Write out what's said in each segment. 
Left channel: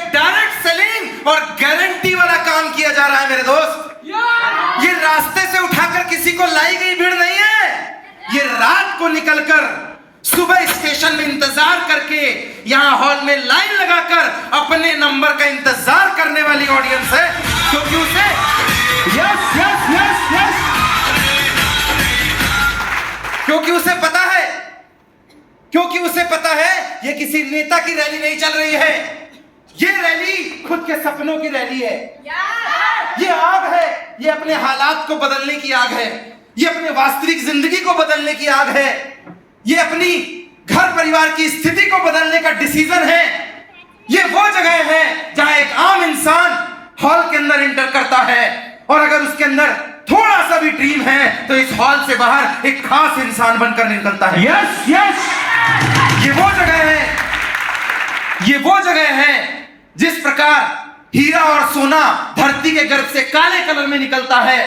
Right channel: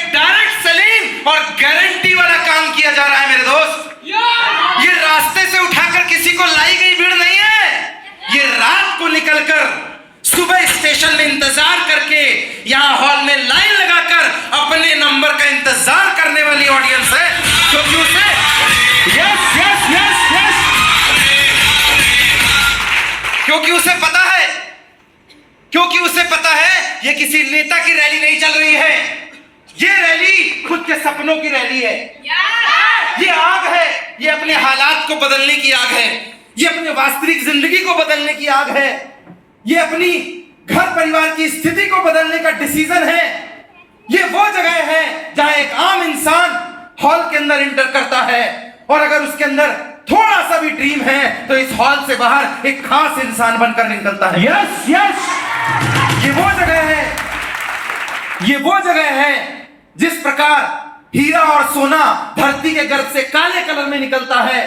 एक direct selling और guarantee वाला काम किया जा रहा है मेरे दोस्त। ये रास्ते से उठाकर किसी को लाई गई भीड़ नहीं है, ये रात को निकलकर सुबह स्टेशन में इंतजार करके यहां हॉल में लाइन लगाकर अपने नंबर का इंतजार करने वाली ऑडियंस है, क्योंकि उसे यस यस यस यस क्योंकि उसे पता है ये किसी नेता की रैली नहीं चल रही है, ये रैली खुद के सपनों की रैली है। ये आग है, ये अपने हालात को बदलने की आग है, ये अपने वास्तविक जिंदगी को बदलने की आग है, ये अपनी घर परिवार की स्थिति को बदलने का डिसीजन है। ये वो जगह है जहां एक आम इंसान हॉल के अंदर एंटर करता है और अगर उसके अंदर थोड़ा सा भी ड्रीम है तो इस हॉल से बाहर एक खास इंसान बनकर निकलता है। यस यस ये वो जगह है, ये वो जगह है जिस प्रकार हीरा और सोना धरती के गर्भ से काले कलर में निकलता है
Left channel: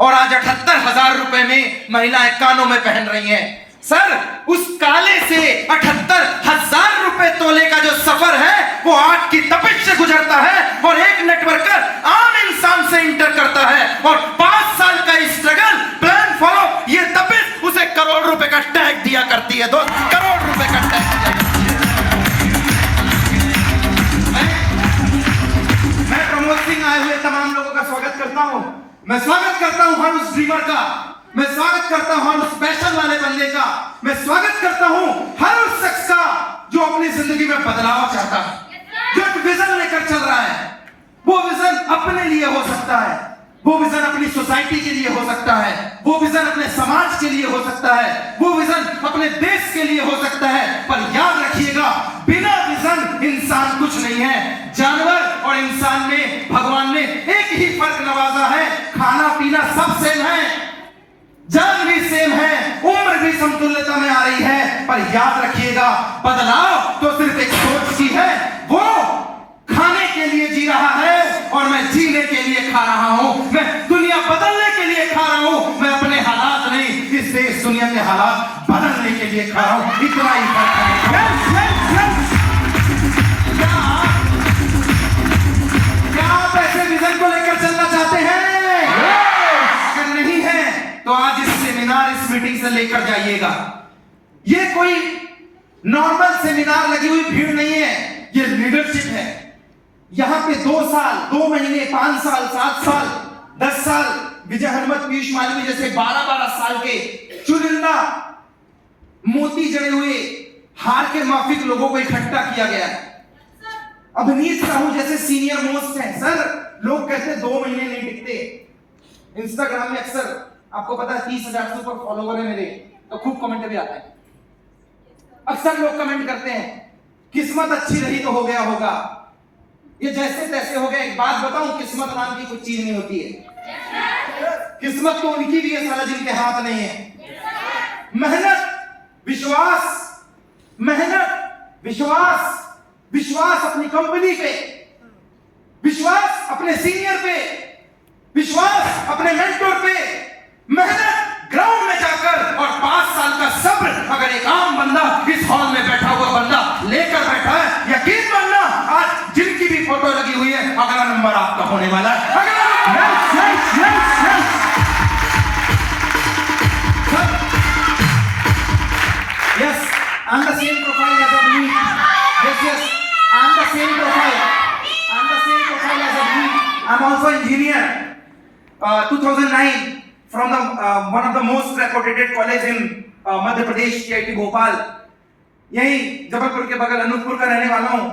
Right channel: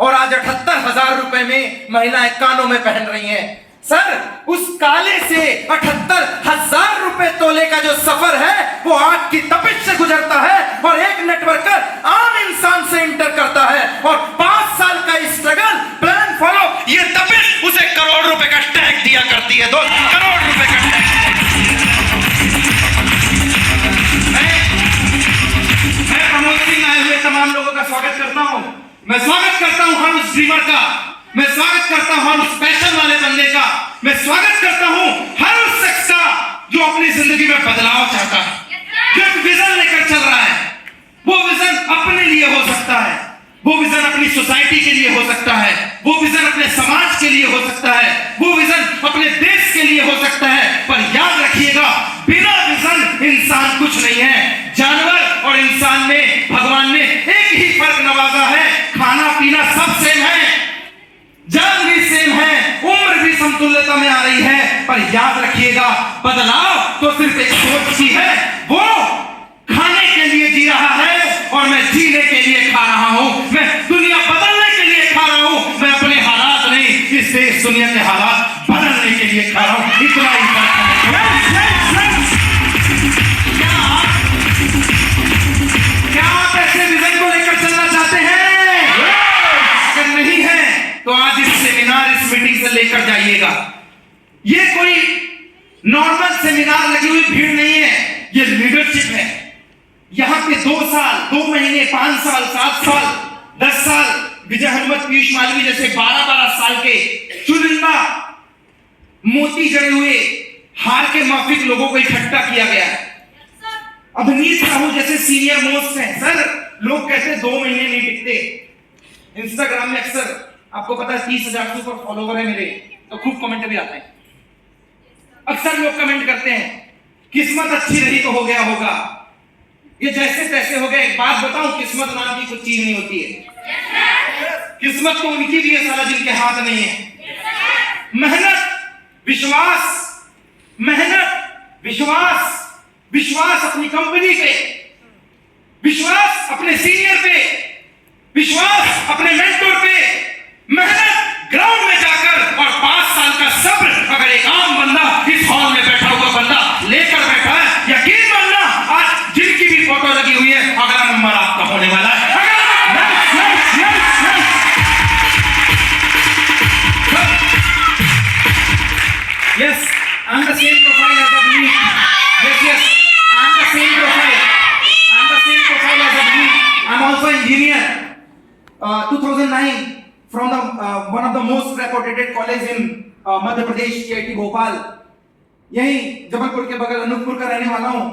और आज 78,000 रुपए में महिलाएं कानों में पहन रही हैं। सर, उस काले से 78,000 रुपए तोले का जो सफर है वो आग की तपिश से गुजरता है और एक नेटवर्कर आम इंसान से इंटर करता है और 5 साल का स्ट्रगल प्लान फॉलो, ये तपिश उसे करोड़ रुपए का टैग दिया करती है। 2 करोड़ रुपए का टैग। मैं प्रमोद सिंह आए हुए तमाम लोगों का स्वागत करता हूं। मैं स्वागत करता हूं हर उस ड्रीमर का, मैं स्वागत करता हूं हर उस पैशन वाले बंदे का, मैं स्वागत करता हूं हर उस शख्स का जो अपनी जिंदगी में बदलाव चाहता है, जो एक विजन लेकर चल रहा है। वो विजन अपने लिए हो सकता है, वो विजन अपनी सोसाइटी के लिए हो सकता है, वो विजन अपने समाज के लिए हो सकता है, वो विजन अपने देश के लिए हो सकता है। पर याद रखिएगा, बिना विजन इंसान कुछ नहीं है। जानवर और इंसान में भगवान ने एक ही फर्क नवाजा है, खाना पीना सब सेम है, जान भी सेम है, उम्र भी समतुल्यता में आ रही है। पर याद रखिएगा, बदलाव तो सिर्फ एक सोच की है। वो खाने के लिए जी रहा है और मैं जीने के लिए खा रहा हूं, मैं दुनिया बदलने के लिए खा रहा हूं, मैं अपने हालात नहीं, इस देश दुनिया के हालात बदलने के लिए खा रहा हूं। इतना ही फर्क है। क्या आप ऐसे विजन को लेकर चलना चाहते हैं? अगर नहीं है तो आज इस सेमिनार, इस मीटिंग से लेकर जाइएगा। ये कोई नॉर्मल सेमिनार लगी हुई भीड़ नहीं है, ये लीडरशिप है। यहां पे 2 साल, 2 महीने, 5 साल, 7 साल, 10 साल विजय हनुमत, पीयूष मालवीय जैसे 12-12 साल के चुनिंदा मोती जड़े हुए हार के माफिक लोगों को इकट्ठा किया गया है। अवनीश साहू जैसे सीनियर मोस्ट हैं। सर, लोग कहते 2 महीने नहीं टिकते। इंस्टाग्राम में अक्सर आपको पता है 30,000 से ऊपर फॉलोवर है मेरे, तो खूब कमेंट भी आते हैं। अक्सर लोग कमेंट करते हैं किस्मत अच्छी रही तो हो गया होगा, ये जैसे तैसे हो गया। एक बात बताऊं, किस्मत नाम की कुछ चीज नहीं होती है। किस्मत तो उनकी भी है साला जिनके हाथ नहीं है। मेहनत, विश्वास, मेहनत, विश्वास, विश्वास अपनी कंपनी पे, विश्वास अपने सीनियर पे, विश्वास अपने मेंटर पे, मेहनत ग्राउंड में जाकर और 5 साल का सब्र अगर एक आम बंदा इस हॉल में बैठा हुआ बंदा लेकर बैठा है, यकीन मानना आज जिनकी भी फोटो लगी हुई है, अगला नंबर आपका होने वाला है। Yes, I'm the same profile as of me. Yes, I'm the same profile. I'm the same profile as of me. I'm also engineer. 2009 from the one of the most reputed college in Madhya Pradesh, IIT Bhopal. यही जबलपुर के बगल अनूपपुर का रहने वाला हूँ।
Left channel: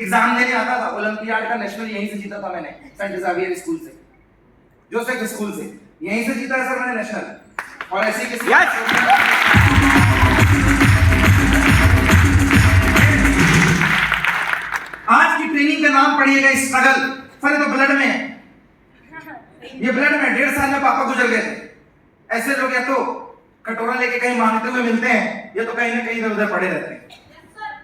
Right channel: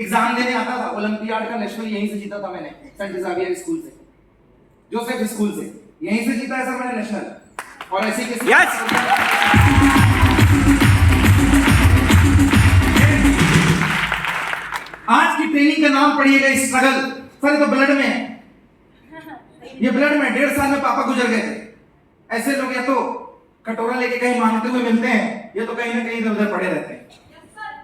Exam देने आता था, ओलंपियाड का नेशनल यहीं से जीता था मैंने, सेंट जेवियर स्कूल से, जोसेफ स्कूल से, यहीं से जीता है सर मैंने नेशनल। और ऐसे किसी आज की ट्रेनिंग का नाम पढ़िएगा स्ट्रगल। सर ये तो ब्लड में है, ये ब्लड में। 1.5 साल में पापा गुजर गए थे। ऐसे लोग या तो कटोरा लेके कहीं मांगते हुए मिलते हैं, या तो कहीं ना कहीं इधर उधर पड़े रहते हैं।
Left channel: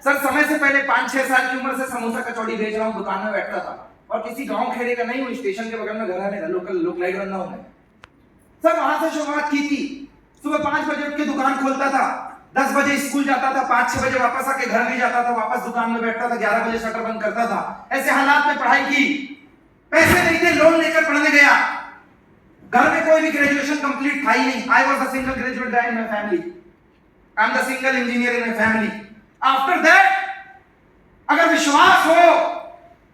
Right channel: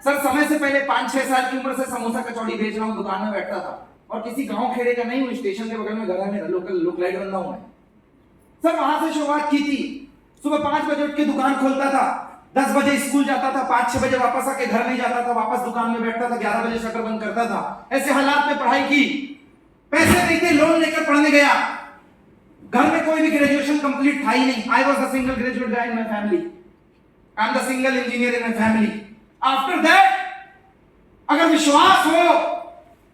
सर, समय से पहले 5-6 साल की उम्र से समोसा कचौड़ी बेच रहा हूँ, दुकान में बैठता था और किसी गांव खेड़े का नहीं हूँ, स्टेशन के बगल में घर है मेरा, लोकल लोकलाइट बंदा हूँ मैं। सर, वहां से शुरुआत की थी। सुबह 5 बजे उठ के दुकान खोलता था, 10 बजे स्कूल जाता था, 5-6 बजे वापस आके घर नहीं जाता था, वापस दुकान में बैठता था, 11 बजे शटर बंद करता था। ऐसे हालात में पढ़ाई की, पैसे नहीं थे, लोन लेकर पढ़ने गया। घर में कोई भी ग्रेजुएशन कंप्लीट था ही नहीं। I was the single graduate guy in my family, I am the single engineer in my family. After that अगर विश्वास हो,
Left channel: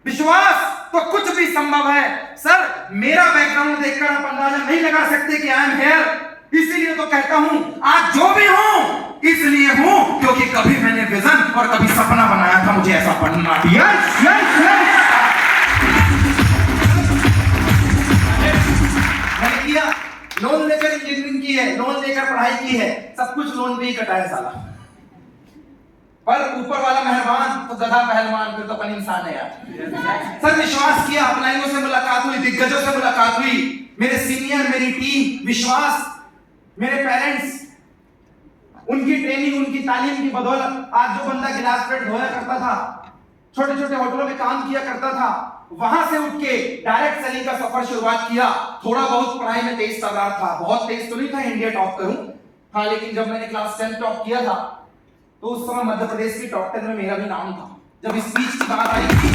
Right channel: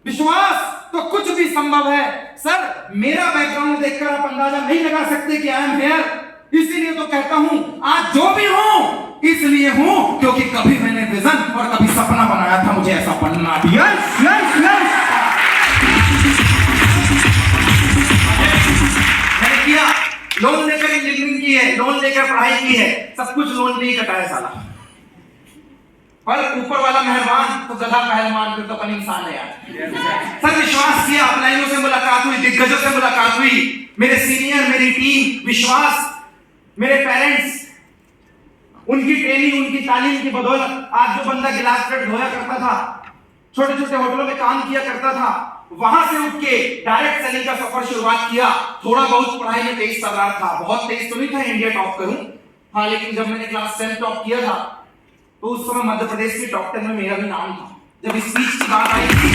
विश्वास तो कुछ भी संभव है। सर मेरा बैकग्राउंड देखकर आप अंदाजा नहीं लगा सकते कि आई एम हियर। इसीलिए तो कहता हूं आज जो भी हूं इसलिए हूं क्योंकि कभी मैंने विजन और कभी सपना बनाया था, मुझे ऐसा बनना भी है। मैंने किया, लोन लेकर इंजीनियरिंग की है, लोन लेकर पढ़ाई की है, सब कुछ लोन नहीं कटाया साला, पर ऊपर वाला मेहरबान तो गधा पहलवान, फिर तो अपन इंसान है यार। सर विश्वास किया, अपलाइनों से मुलाकात हुई, दिग्गजों से मुलाकात हुई, मेरे सीनियर, मेरी टीम, विश्वास, मेरे पेरेंट्स, उनकी ट्रेनिंग, उनकी तालीम की बदौलत आज जो बंदा गिलास प्लेट धोया करता था, छोटे छोटे होटलों में काम किया करता था, वहां से उठ के डायरेक्ट सेलिंग का सफर शुरुआत किया। थोड़ा बहुत पढ़ाई में तेज चल रहा था, बहुत तेज तो नहीं था इंडिया टॉप करूं, हाँ, लेकिन जब मैंने क्लास 10 टॉप किया था तो उस समय मध्य प्रदेश के टॉप 10 में मेरा भी नाम था। जब स्पीच की बात आई थी,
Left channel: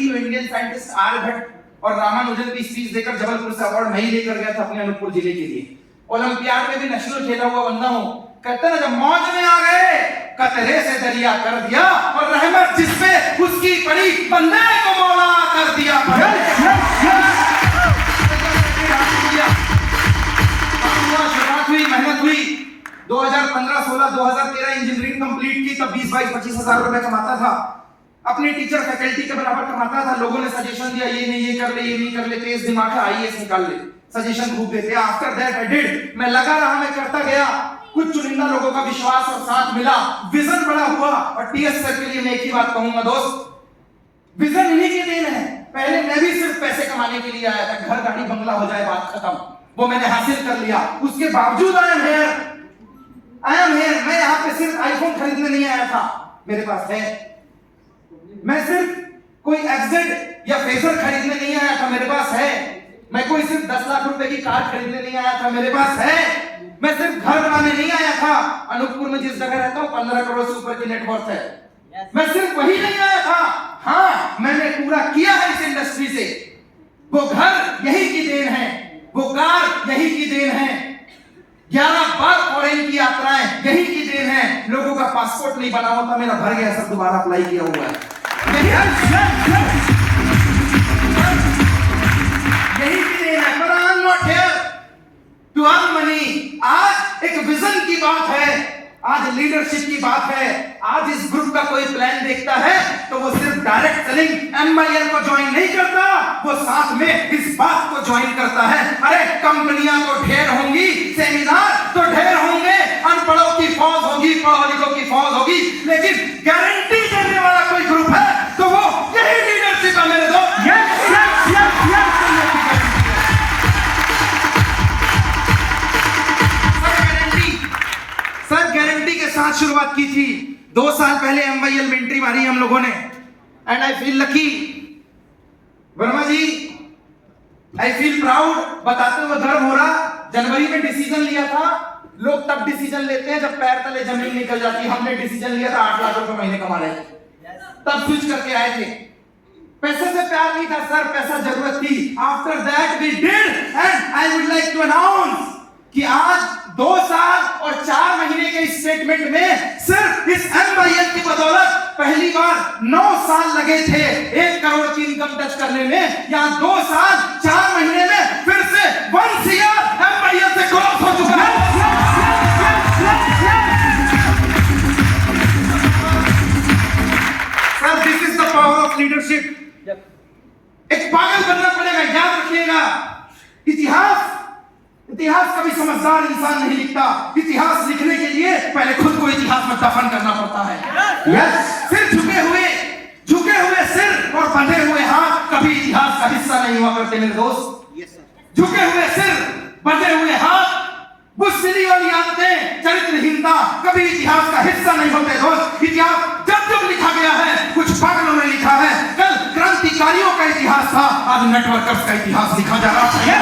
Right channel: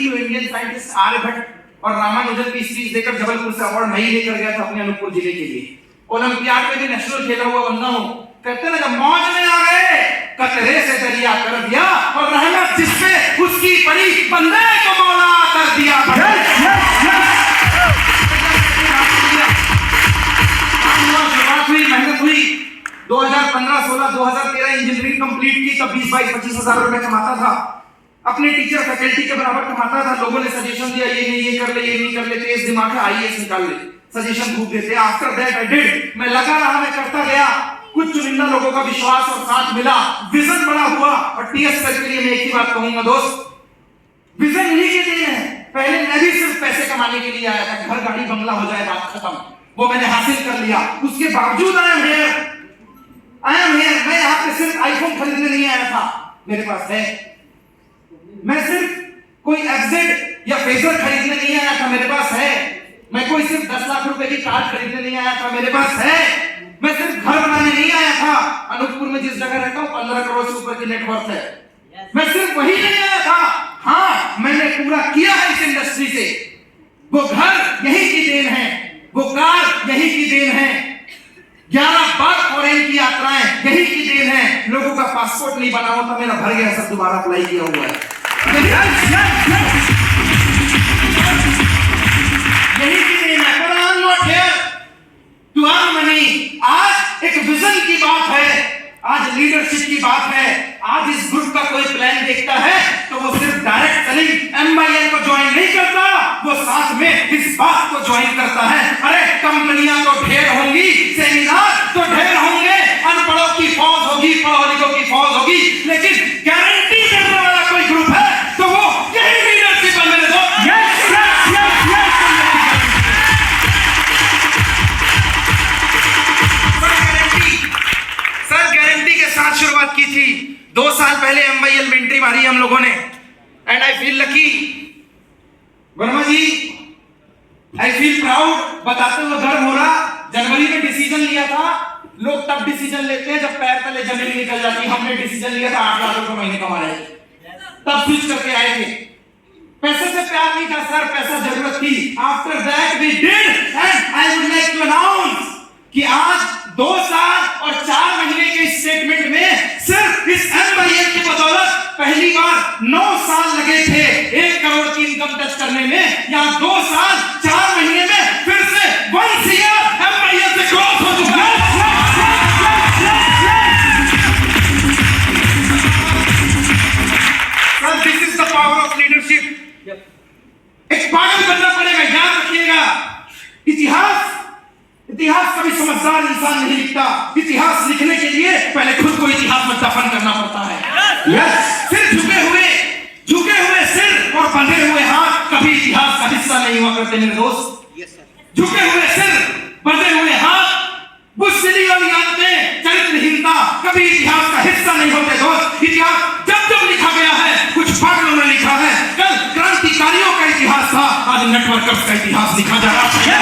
तो इंडियन साइंटिस्ट आर्यभट्ट और रामानुजन की स्पीच देकर जबलपुर से अवार्ड नहीं लेकर गया था अपने अनूपपुर जिले के लिए। ओलंपियाड में भी नेशनल खेला हुआ बंदा हूं। कहते ना जब मौज में आ गए कतरे से दरिया कर दिया, और रहमत जिसपे उसकी पड़ी बंदे को मौला कर दिया। शुरुआत हुई, मेहनत हुई, 2015, 16, 2013 इंजीनियरिंग कंप्लीट की, तब 20, 22, 25 हजार रुपए कमाता था, अपने टीचर फैकल्टी के बराबर कमाता था। लोगों ने सजेशन दिया, ये नहीं, ये कर ले, ये नहीं कर ले, तेज दिमाग है, आईएएस निकाल ले, सजेशन खूब देते। आफ्टर दैट आई डिड, मैं लगा रहा, मैं करता गया, कुछ चुनिंदा लोगों का विश्वास और साथ मिला, विजन बड़ा हुआ। और टीएस सर के लिए मैं एक ही बात कहूंगा दोस्त, विजन इन्हीं के देन है। पहले मैं भी सिर्फ पैसे कमाने के लिए आया था, घर गाड़ी बंगला हो जाए बात खत्म, वो मैंने हासिल कर लिया। उसके बावजूद आई एम हियर। मैं यहाँ पे सिर्फ आईफोन खरीदने नहीं आया था, मेरे पास है। मैं सिर्फ कोई एफजेड या फेजर खरीदने नहीं आया था, मेरे पास है। मैं कोई सिर्फ 10 लाख रुपए की कार खरीदने नहीं आया था, मेरे पास है। मैं सिर्फ घर बनाने नहीं आया था, अनूपपुर में जिस जगह रहता हूं 15 करोड़ से ऊपर की नेटवर्थ है। मैं सिर्फ वही नहीं आया था, हाँ, मैंने पूरा किया है इस इंडस्ट्री से। वो घर यही की देन है, वो कार यही की देन है, 11 बार फॉरेन की यात्राएं यही की देन है। लोगों का पासपोर्ट नहीं बना होता, मेरा भर गया, सब दोबारा अप्लाई किया हुआ है, यही की देन है। पर I am not here to earn money. आज एक विजन की बात है, आज लीडरशिप की बात है। आज इस ग्रुप का कोई प्लान देखता है तो वो सिर्फ डायरेक्ट सेलिंग एमआईएल को ज्वाइन नहीं करता, वो साथ में इस बात को ज्वाइन करता है। अरे कंपनियां तो ढेर होंगी, सेमिनार तो ढेर होंगे, अनपढ़ों की फौज होगी, पढ़ो लिखों की फौज होगी, लेकिन गारंटी करने वाला कोई ग्रुप है तो वो यही लीडरशिप है मेरे दोस्त। सर गारंटी के साथ शुरुआत की थी। 2 साल पहले एमआईएल में एंट्री मारी हम लोगों ने, and I feel lucky. Verma ji, I feel proud, बताते हुए गर्व हो रहा। जनवरी में डिसीजन लिया था, लोग तब डिसीजन लेते हैं जब पैर तले जमीन निकल जाती। हमने डिसीजन लिया था 8 लाख रुपए महीने कमा रहे, तब स्विच करके आए थे। पैसे से प्यार नहीं था सर, पैसा जरूरत थी। After that we did, and I would like to announce कि आज 2 साल और 4 महीने के स्टेटमेंट में सिर्फ इस एमआईएल की बदौलत पहली बार 9 साल लगे थे 1 करोड़ की इनकम टच करने में। यहाँ 2 साल 4 महीने में फिर से 1 ईयर एमआईएल से क्रॉस हो चुका है। Sir this is the power of leadership. एक पागल बनना पड़ेगा, याद रखिएगा। इतिहास कभी समझदार इंसान नहीं लिखता। इतिहास लिखने के लिए पहले खुद को इतिहास में दफन करना पड़ता है। सिर झुके हुए सिर और बंधे हुए हाथ कभी इतिहास का हिस्सा नहीं हुआ करते मेरे दोस्त। झुके हुए सिर, बंधे हुए हाथ, बुज़दिली वाली आदतें, चरित्रहीनता कभी इतिहास का हिस्सा नहीं होते दोस्त। इतिहास जब लिखा गया है कुछ पागलों ने लिखा है। कल क्रांतिकारियों का इतिहास था, आज नेटवर्कर्स का इतिहास लिखा जा रहा है।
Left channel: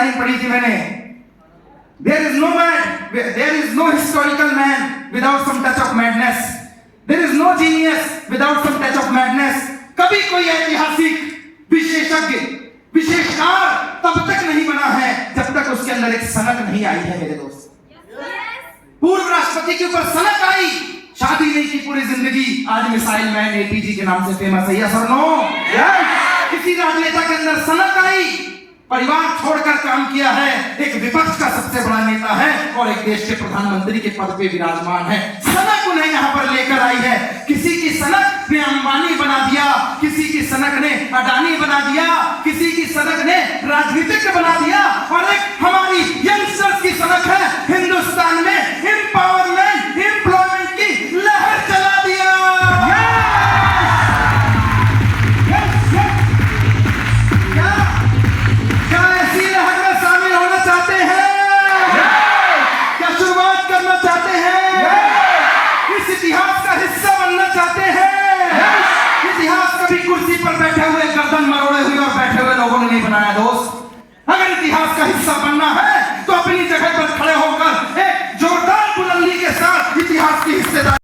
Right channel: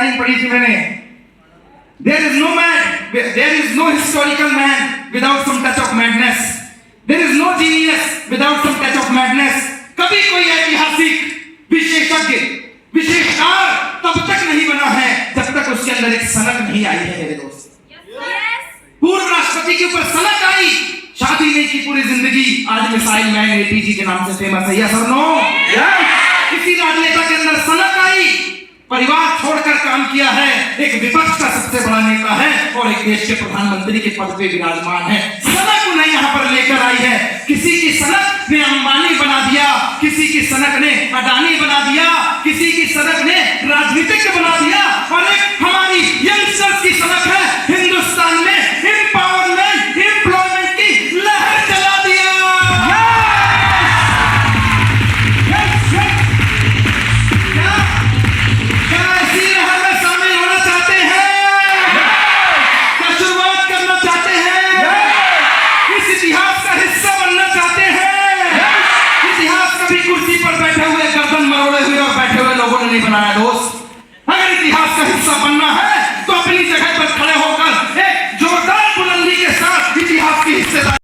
लाइन पढ़ी थी मैंने, there is no historical man without some touch of madness, there is no genius without some touch of madness. कभी कोई ऐतिहासिक विशेषज्ञ विशेषकार तब तक नहीं बना है जब तक उसके अंदर एक सनक नहीं आई है मेरे दोस्त। पूर्व राष्ट्रपति के ऊपर सनक आई, शादी नहीं की पूरी जिंदगी, आज मिसाइल मैन एपीजी के नाम से फेमस है, यस और नो? किसी राजनेता के अंदर सनक आई, परिवार छोड़कर काम किया है, एक विपक्ष का सबसे बड़ा नेता है और एक देश के प्रधानमंत्री के पद पे विराजमान है, सनक उन्हें यहाँ पर लेकर आई है। किसी की सनक ने अंबानी बना दिया, किसी की सनक ने अडानी बना दिया, किसी की सनक ने राजनीतिक बना दिया, और एक हमारी यंगस्टर्स की सनक है हिंदुस्तान में एम्पावरमेंट एम्प्लॉयमेंट की लहर चला दिया। क्या ऐसी लहर में शामिल होना चाहते हैं? क्या शुरुआत करना चाहते हैं? इस इतिहास का हिस्सा बनना चाहते हैं? इतिहास कभी कुर्सी पर बैठे हुए गर्दन मरोड़े हुए और बैठे हुए लोगों ने नहीं बनाया दोस्त। अगर इतिहास का हिस्सा बनना है तो अपनी जगह पर खड़े होकर एक जोरदार बुलंदी के साथ इतिहास की हिस्सेदारी